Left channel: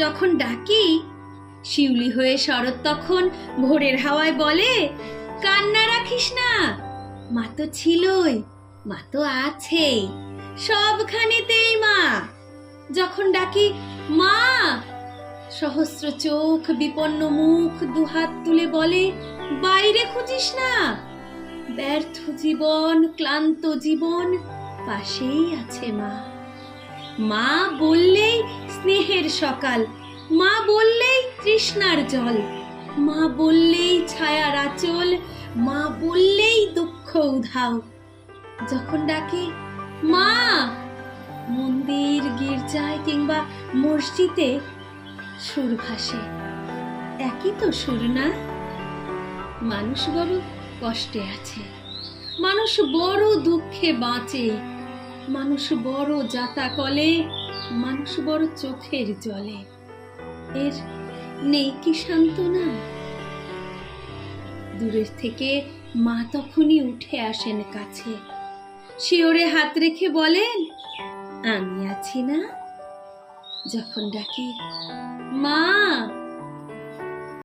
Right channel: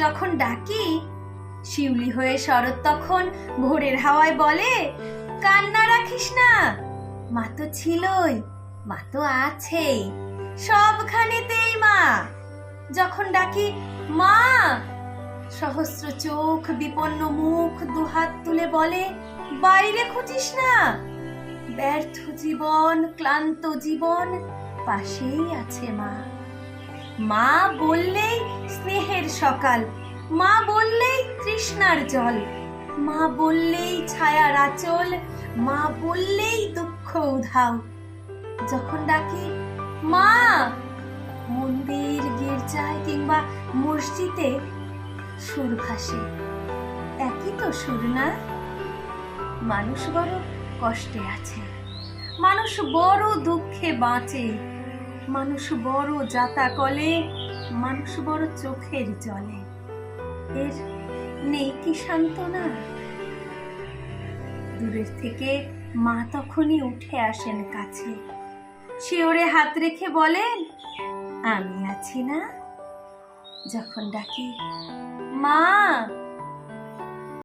যখন ডাকি শিউলি হয়ে শরৎ তখন ভোরের হাওয়ায় বলে কান্না রাখিস না মা তো ছিলই মা তো আছেই সবখানেতেই মা যখন ডাকি মা সহস্র চোখ বিপন্ন মুখ দুহাত তুলে বলে বাইরে খুঁজিস না ব্যর্থ জীবন ক্লান্ত জীবন পাশেই আছে মা মা বললেই স্নেহে শীতের সকাল মা বললেই তৃষ্ণার জল মা বললেই ছায়ার আচল মা বললেই দুঃখ উধাও যখন ডাকি মা মন্দির গির্জায় কিংবা মসজিদে সুর ভাসে একই তো সুর না মানুষ বড় কষ্টে আছে মানুষ বড় দুঃখে বাঁচে মানুষ বড় যাতা কলে মানুষ বড় চোখের জলে এর নেই কি সান্ত্বনা দূরের থেকে মা তখনই উঠে আসেন কাছে শিওরে হাত রেখে বলেন আমি আছি না যখন ডাকি মা